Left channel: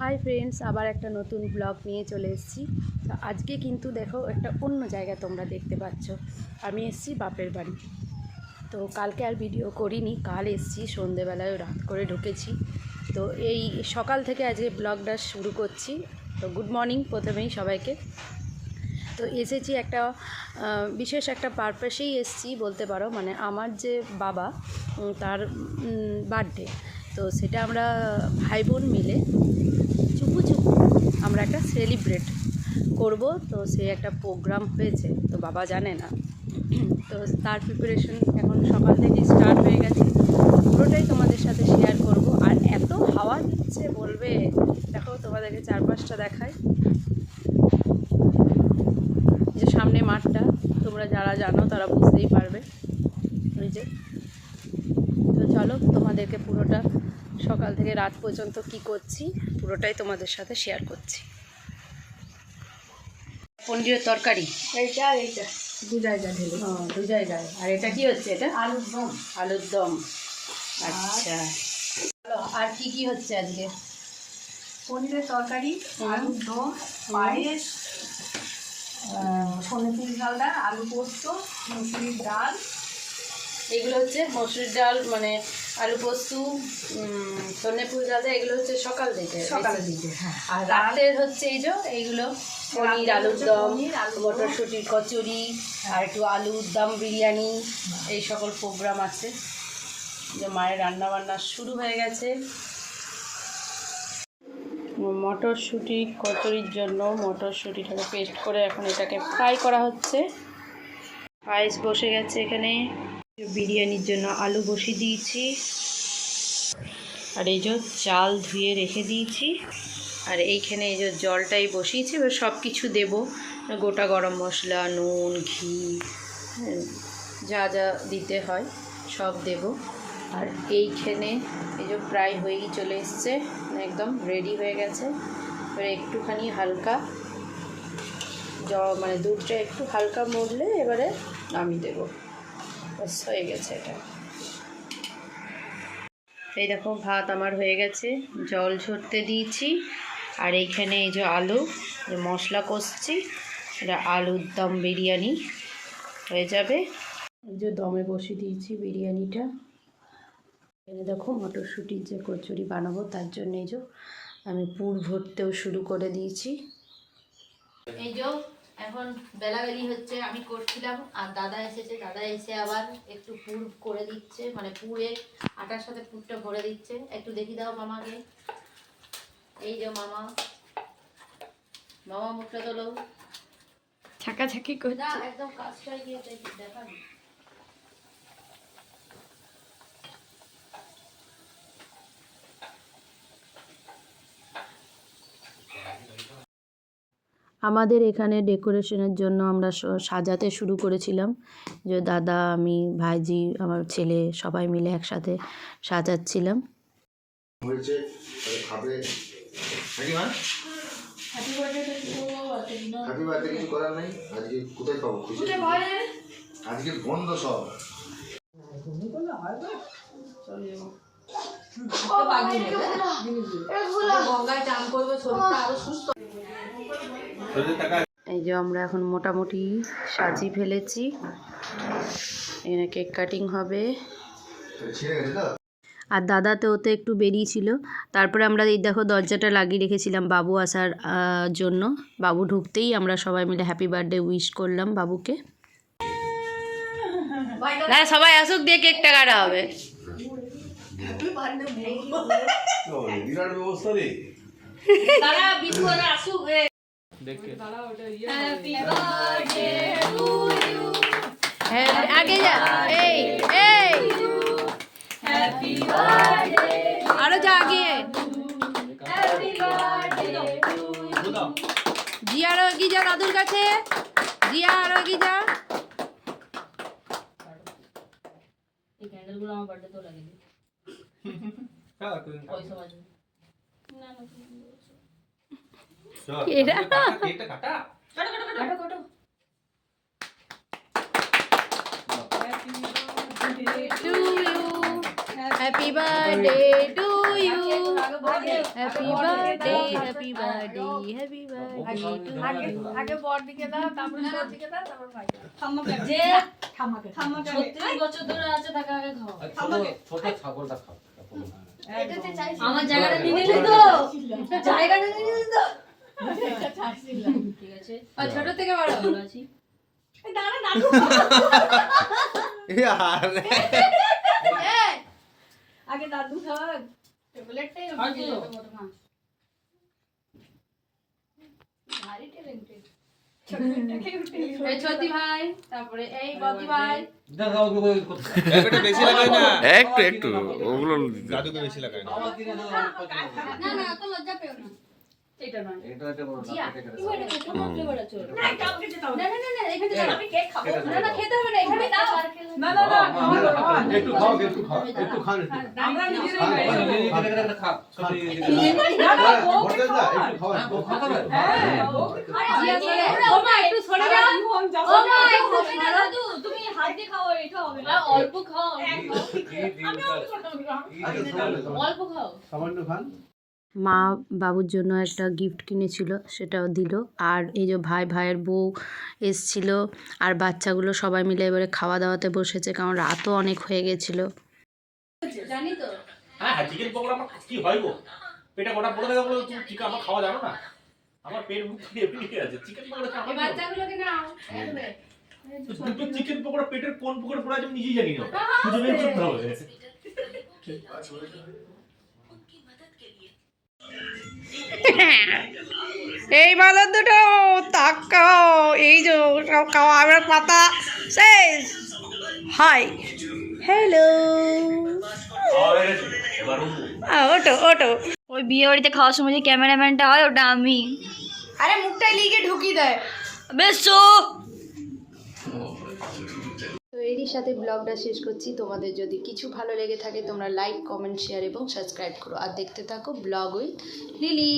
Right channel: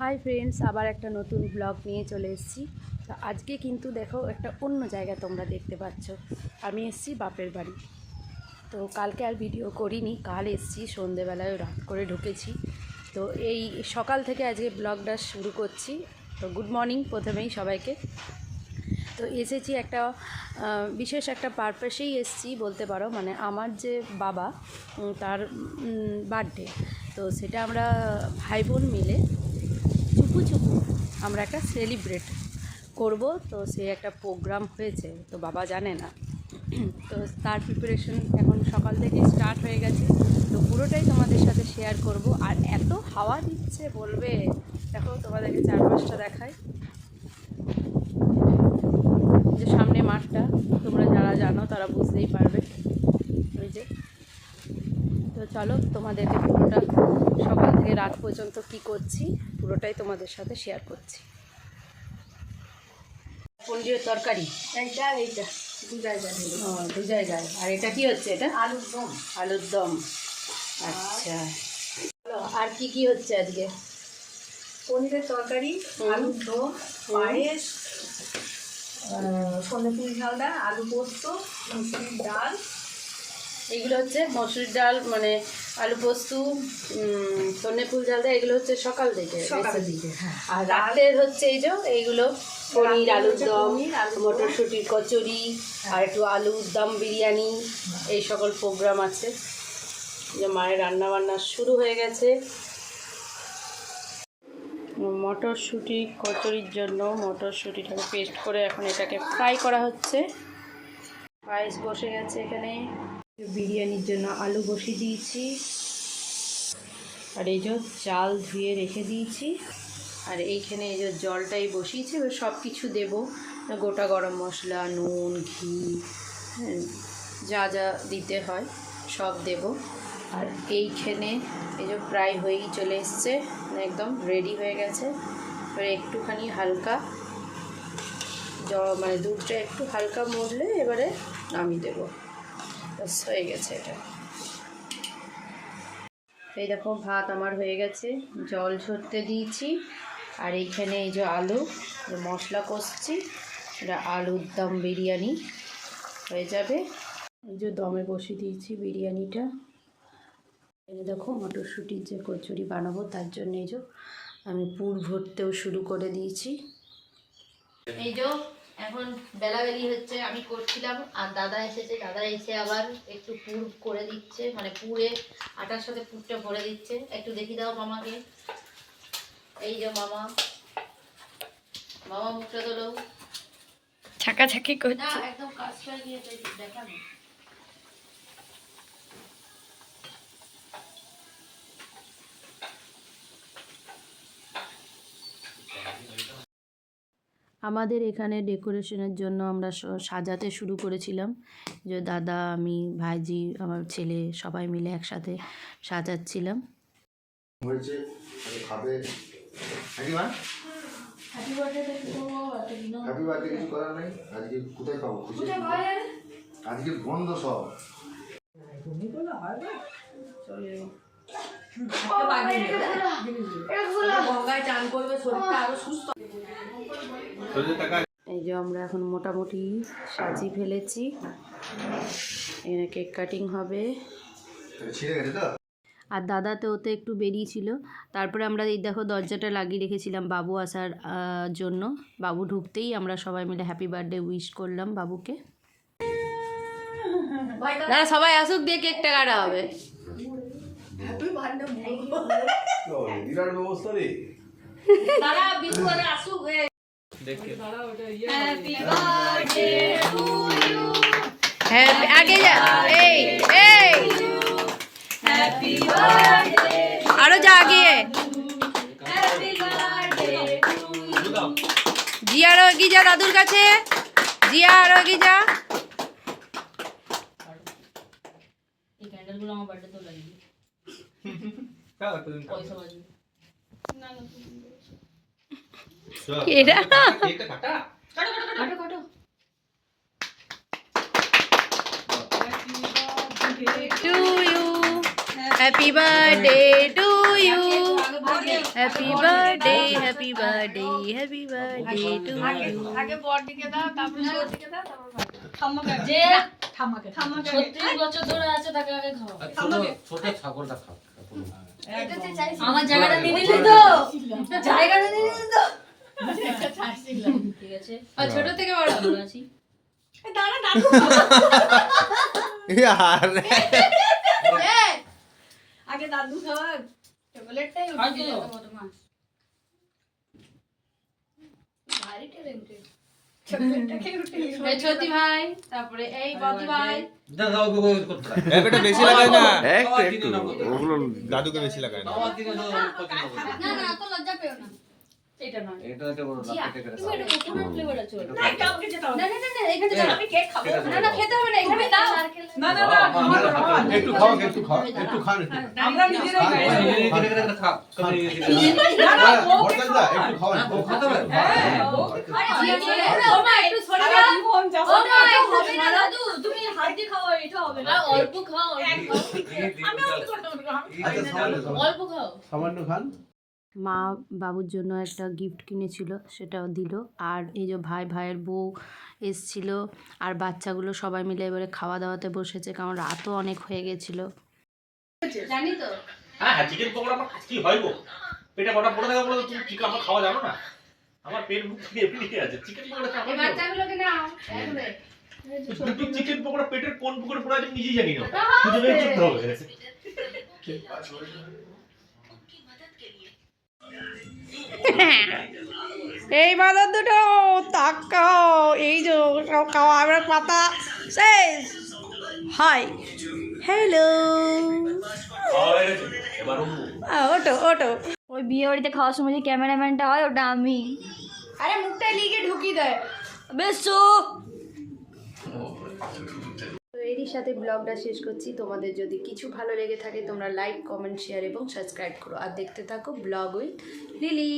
Hi friends, আবার একটা নতুন ব্লগ নিয়ে চলে এসেছি। তো আজকে কিন্তু দেখো একটা অন্য জায়গা তোমরা দেখতে পাচ্ছ। আমি এসেছি বাপের বাড়ি। তো কালকে আর ভিডিও করিনি, কাল এসেছি সন্ধেবেলায়, রাত করে ঢুকেছি। তো এই সকাল থেকে আজকে ব্লগটা শুরু করছি। তো গুড মর্নিং প্রথমেই সবাইকে। তো এসেছি একটা বিশেষ একটা পারপাসেই এসেছি বলতে পারো, মানে আমার যে বাবা তার বার্থডে। তো সেটা আমরা ভাই বোন মিলে চুপু চুপু আমরা একটা সেলিব্রেট করব। তো সে একটা প্রোগ্রাম হয়েছে, তো বাবা জানে না। তো তার প্রিপারেশন এখন সকাল থেকে স্টার্ট হয়ে গেছে, পুরোটাই তোমাদের সাথে শেয়ার করব। আর এত হাওয়া দিচ্ছে বলবে, দেখো তোমাদেরকে চারপাশটা দেখায়। যে সামনে মাঠটা, তোমরা যারা জানো তারা বুঝতেই পারবে। ওই যে, তো চলো তোমাদেরকে পুরোটা সকাল থেকে রাত পর্যন্ত কি করছি পুরোটাই তোমাদের সাথে শেয়ার করছি। পনিরের তরকারি দু জায়গায়। আর এটা কি হচ্ছে? এটা আলুর দম। আচ্ছা, আর কি কি হচ্ছে আজকে? পনিরের তরকারি, আলুর দম, পায়েস, সোনাপুরি ঝালদা, আলু পোস্ত, মুসুরির ডাল। এগুলো হচ্ছে মসুরির ডাল, মানে আলু পোস্ত, সন্নেফুল ঝালদা, এগুলো হচ্ছে সকাল থেকে। হ্যাঁ। আর রাতের হচ্ছে এই যে এইগুলো পনির, আলুর দম, মটরশুঁটির কচুরি, আর একটু আলুর দম বিরিয়ানি, এই সকল প্রোগ্রাম আছে। যে মায়ের রান্না বান্না শুরু হয়ে গেছে। মটরশুঁটি কচুরির জন্য মটরশুঁটিটাকে পেস্ট করে এখন এটাকে ফ্রাই করা হচ্ছে। পায়েস বসে গেছে এখানে। বিরিয়ানির জন্য আলু বসিয়ে দিয়েছি, আর এই যে চাল ধুয়ে রেখে দিয়েছি। আর এইখানে এই যে জলটাই বসিয়েছি, এবার সব কিছু দেবো, গোটা গরম মশলা, নুন, ঘি, যা যা দিতে হয় সব দেব। আর এইখানে এই যে প্রায় হয়েই চলে এসছে, একদম রেডি হয়ে গেছে। এবার একটুখানি হালকা মানে দুধটা একটু হালকা মরলে এবারে নামিয়ে দেবো, বাস হয়ে গেছে এটা। এই দেখো ভাত আমার হয়ে গেছে, জল ঝরতে দিয়েছি। আর এইখানে এই যে আলু, যে মশলা কষছি, এটা আলুর দম বিরিয়ানি হয়ে যাবে। এই যে দমে বসিয়ে দিয়েছি বিরিয়ানিটা। এখানে দেখো মটরশুঁটির যে কচুরি বানাবো তার জন্য এই যে আমি পুর ভরতেও শুরু করে দিয়েছি। এই যে এখন বেলাবেলি হচ্ছে, আমি করছিলাম আর দাদা এসেছে। দাদা এসে আবার একটু পুর করে দিচ্ছে, মানে পুরে আটার সাথে পুরটা ভরে দিচ্ছে। একটু দেখি দাও মামাকে। এই যে মামা, মামা মুখটা তোলো, ছাকাছাকি করছে একদম কাজটা গিয়ে দেখানো। আমাদের এখানে ডেকোরেশনের জন্য আমরা সাজাতে শুরু করেছিলাম। যে দাদা, আমি, ভাইজি, আমার ছেলে সবাই মিলে একসাথে সাজাচ্ছিলাম। আজকে বন্ধ সব। এই যে আমরা এখন মোটামুটি সাজিয়ে ফেলেছি, এখানে কেক কাটিং হবে। আর দাদা তো ওতে একটু বেরিয়েছিল। তারপরে আমরা এই দেখো দরজাটা লাগিয়ে রেখেছিলাম বাবু আসার জন্য। বাবু ঢুকতেই আমরা সবাই মিলে হ্যাপি বার্থডে উইশ করলাম বাবুকে। না, সবাই আসুক দিয়ে কেকটা কাটা হবে। আগে যা, এই এই আরো যা আগে। জিয়া আরো এগিয়ে যা দাদুর কাছে, জিয়া আরো এগিয়ে যা। এই ক্যান্ডেলগুলো আমার বার্থডে তো লাগবে। এরা to you, happy birthday to you, happy birthday, happy birthday, happy birthday to you. আগে বড় দিকে দাও, তারপর ছোট দিকে দাও, তারপর যে ঠাম্মাকে 36 বছর ধরে আছে তাকে আগে খাওয়া। ছোট ছাগলটা খাও। আমার জায়গাটা নিয়ে নিলি তো, জায়গাটা নিয়ে নিলি তো। ঠিক আছে, আর ছোট থেকে বড় ভালো আছি। দাঁড়া দাদু यार আগে দাদু খাওয়া চকলেটটাই উঠে দিল তোমার ভারী ট্যালেন্টেড চকলেটটাকে উঠে দিল এই ছোটি ভাই, তারপরে এই বদি ভাই। দাদা ওকে ওই করতে একটু বেশি লাগায় না একটু একটু ওগুলো দাদুকে বেশি লাগায় না বাবা দিনে দাও না না অত লজ্জা পেও না। এটা নয়, এটা এটা বড় জিয়া, লাপেটে করে তুমি এটা কোকোনাট ফ্লেভার আছে। না এটা আমাকে যেতে হবে না না না না, এখানে দাও। আমি কেক খাবো না না খেতে হবে না, এখানে দাও। না না না একটু খাও একটু খাও একটু খান আমরা নিজেরাই খাই এখানে খা না না বর্তমান দা একটু খাওয়ান ও খাতে হবে ও মা একটু সরে যাও। মন যাবো ও মা একটু হবে না দাদু, তুমি হাত দিয়ে খাও, এটা হবে না। অল্প খাও, অল্প খাও। অল্প খাও। সামান্য খান মা বাবুর জন্য একটা গিফট কিনেছিল, সেটাও দিল। আর এই যে ভাইয়ের বউ এসছিল, আর বাচ্চাগুলো সবাই মিলে এবারে খাওয়া দাওয়াতে বসেছে, কারণ রাতও অনেক হয়ে গেছিলো। জানি তো। হ্যাঁ হ্যাঁ চিকেন পকোড়া আমার কি হয় গো পেটে কটা পড়ে থাকা বলে তুমি চিকেন আমার খাওয়া জানো না আমার পেট মুখ দিয়ে এমনি আছে চিকেন পকোড়া খাওয়া এই বাচ্চাগুলোকে নাও। দুটো চিকেন পকোড়া পেটের কোন পুকুরে পড়ে আছে আমি নিজেই জানি না খুঁজে বের করতে হবে এই বাজার দুটো তাকাও, এই যে সব খাওয়া আমার পাতা শেষ। হাই হ্যালো, ওটো ওটো। ওই বিয়ে বাড়িতে খাওয়ার সময় যে ক্যামেরাম্যানটা হয় ওটা আমি। আরে মুখটা লিখে ঢুকিয়ে দেয়। বেশ তো এরই সাথে ব্লগটা শেষ করছি। তোমাদের যদি কিছু ভালো লেগে থাকে তোমরা লাইক, কমেন্ট, শেয়ার এবং সাবস্ক্রাইব করো। আর দেখতে থাকো ব্লগ উইথ লিলি।